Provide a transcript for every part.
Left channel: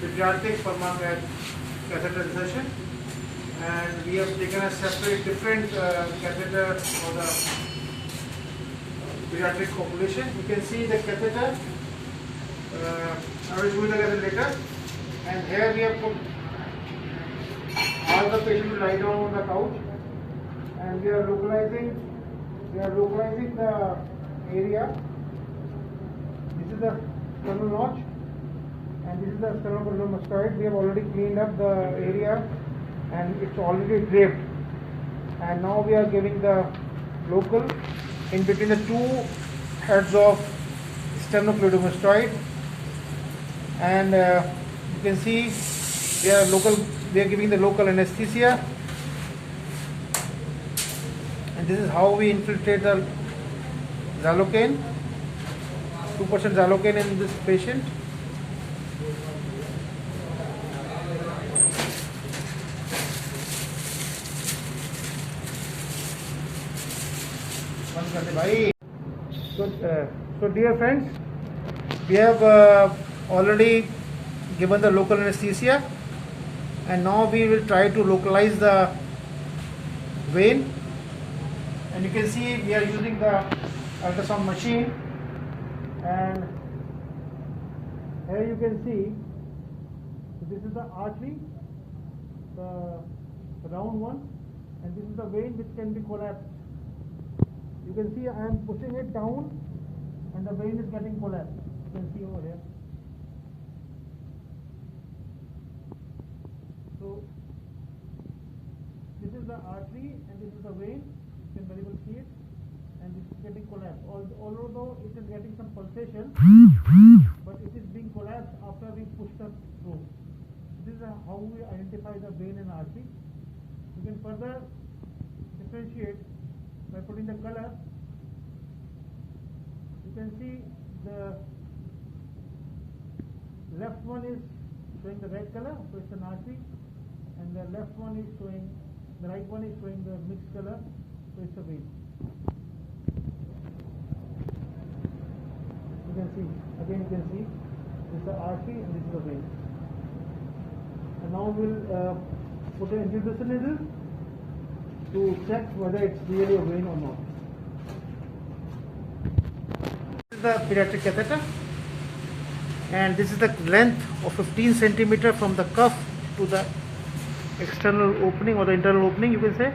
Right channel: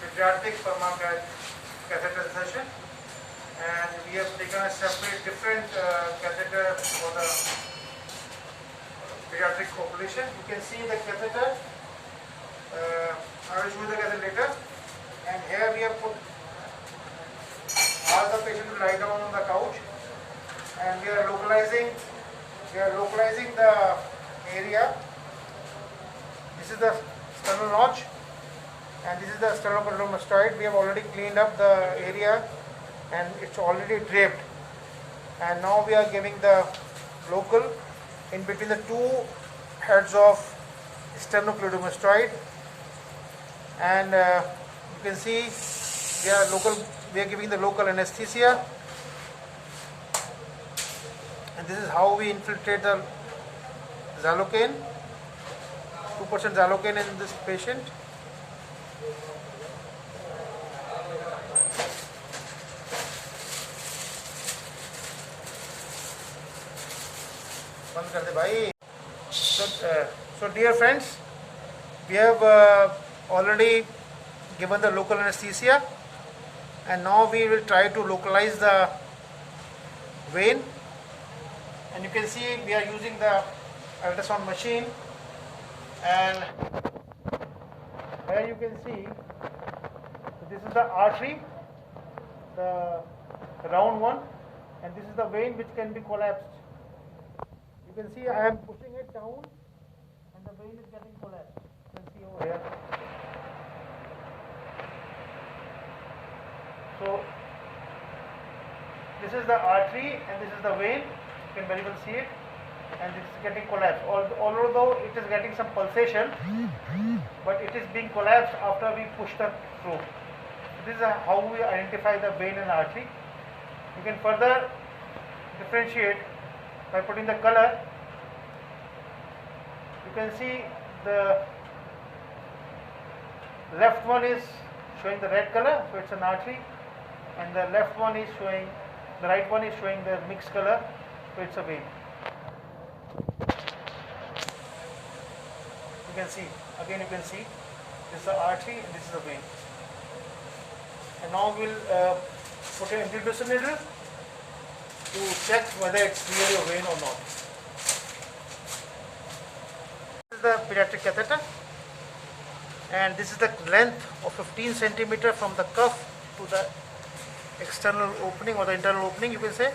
pediatric PERMACATH catheter session, and we have taken a separate different catheter for the pediatric population. You can see the catheter. I will show you the catheter later. And here we have put all the patient to lie down on the couch, and we are localizing the area. This is the sternal notch, and this is the sternocleidomastoid. We have already cleaned up the area, and it's already draped. And now we are giving the local in between the two heads of sternocleidomastoid, and you can see we are giving the local anesthesia, and this is how we infiltrate the xylocaine. 2% xylocaine in this patient. So dear friends, we have already given the local anesthesia, and now we will try to localize the vein. And you can see we are using the ultrasound machine, and here you can see this is the artery, the round one, and this is the vein which can be collapsed. You can see I am pushing it down, and the vein is getting collapsed. You can see over here. So this is the artery and this is the vein. You can very well see it, and this is getting collapsed. Although it is getting some pulsation, but it is being collapsed after we push the probe. So this is how we identify the vein and artery. You can further differentiate by putting the color. You can see the left one is showing the red color, so it's an artery, and the right one is showing the mixed color, so it's a vein. You can see this is the artery and this is the vein. And now we'll put an introducer needle to check whether it's really a vein or not. This is the pediatric catheter, and this is the length of 15 centimeter from the cuff to the external opening or the internal opening, you can say.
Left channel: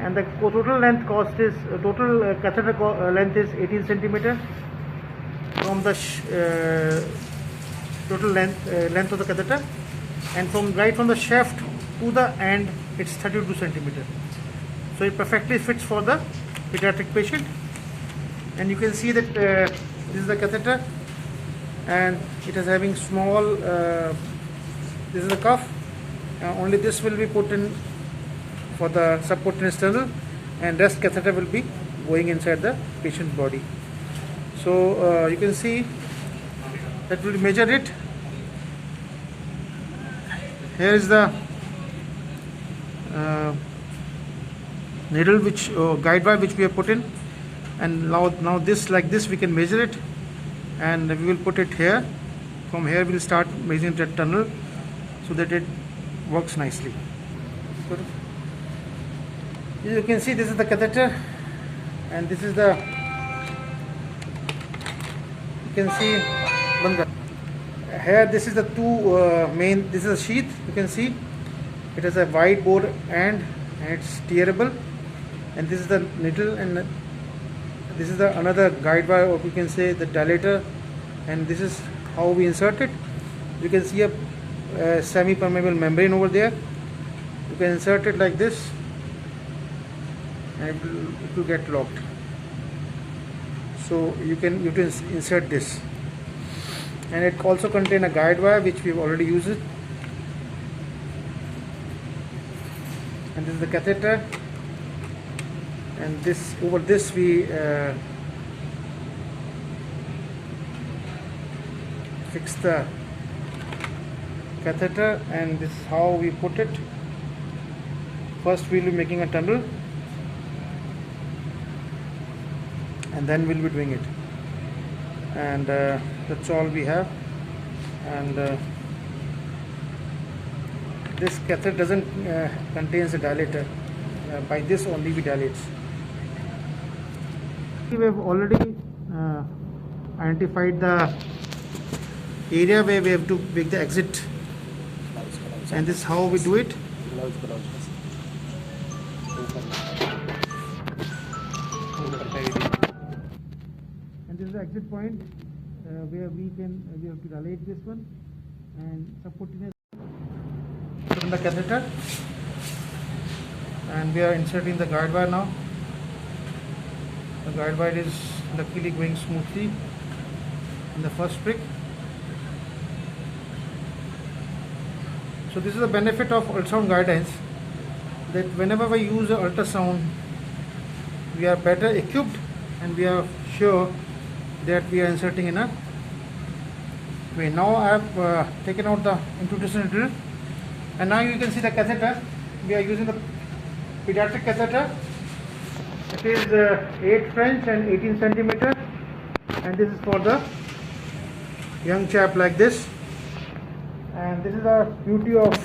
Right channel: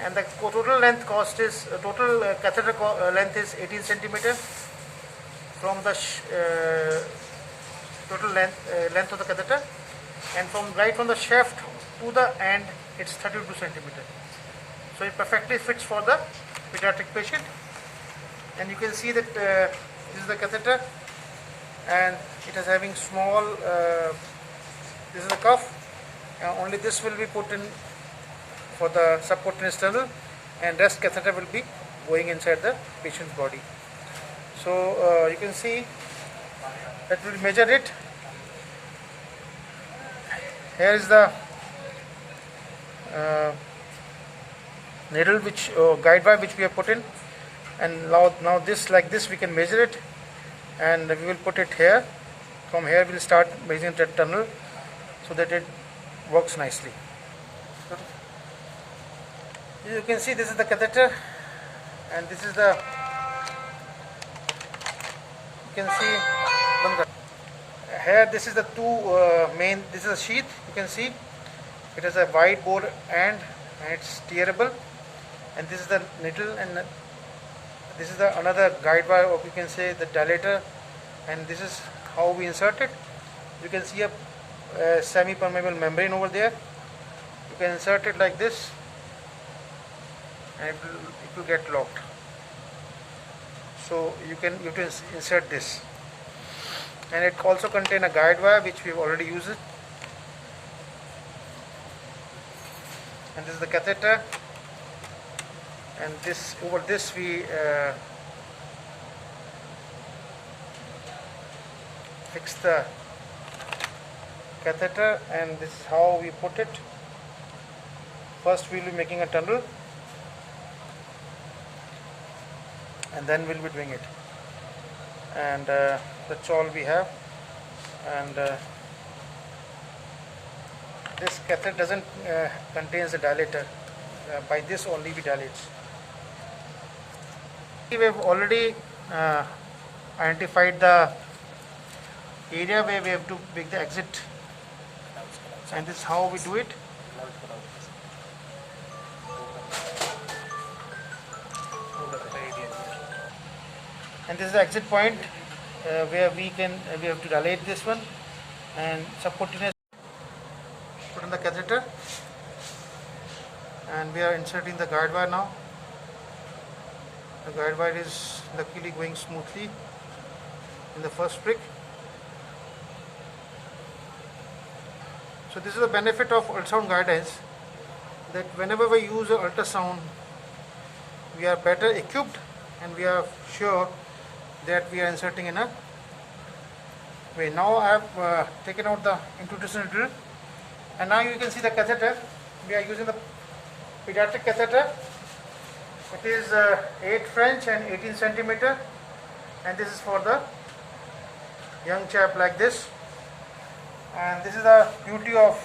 And the total length catheter length is 18 centimeter from the total length of the catheter, and right from the shaft to the end it's 32 centimeter. So it perfectly fits for the pediatric patient. And you can see that this is the catheter, and it is having small this is the cuff. Only this will be put in for the subcutaneous tunnel, and rest catheter will be going inside the patient's body. So you can see that we'll measure it. Here is the needle guide wire which we have put in, and now this like this we can measure it, and we will put it here. From here we will start measuring that tunnel so that it works nicely. You can see this is the catheter, and this is the, you can see here this is the two main, this is a sheath. You can see it has a wide bore end and it's tearable, and this is the needle, and this is the another guide wire, or you can say the dilator, and this is how we insert it. You can see a semi-permeable membrane over there. You can insert it like this, and it will get locked. So you can insert this, and it also contains a guide wire which we have already used it. And this is the catheter, and this over this we fix the catheter, and this is how we put it. First we will be making a tunnel, and then we'll be doing it, and that's all we have. and this catheter doesn't contains a dilator. By this only we dilate. We have already identified the area where we have to make the exit, and this is how we do it. And this is the exit point where we have to dilate this one and subcutaneous put in the catheter, and we are inserting the guide wire now. The guide wire is luckily going smoothly in the first prick. So this is the benefit of ultrasound guidance, that whenever we use ultrasound, we are better equipped and we are sure that we are inserting in a way. Now I have taken out the introduction drill, and now you can see the catheter. We are using the pediatric catheter. It is 8 French and 18 centimeter, and this is for the young chap like this. And this is the beauty of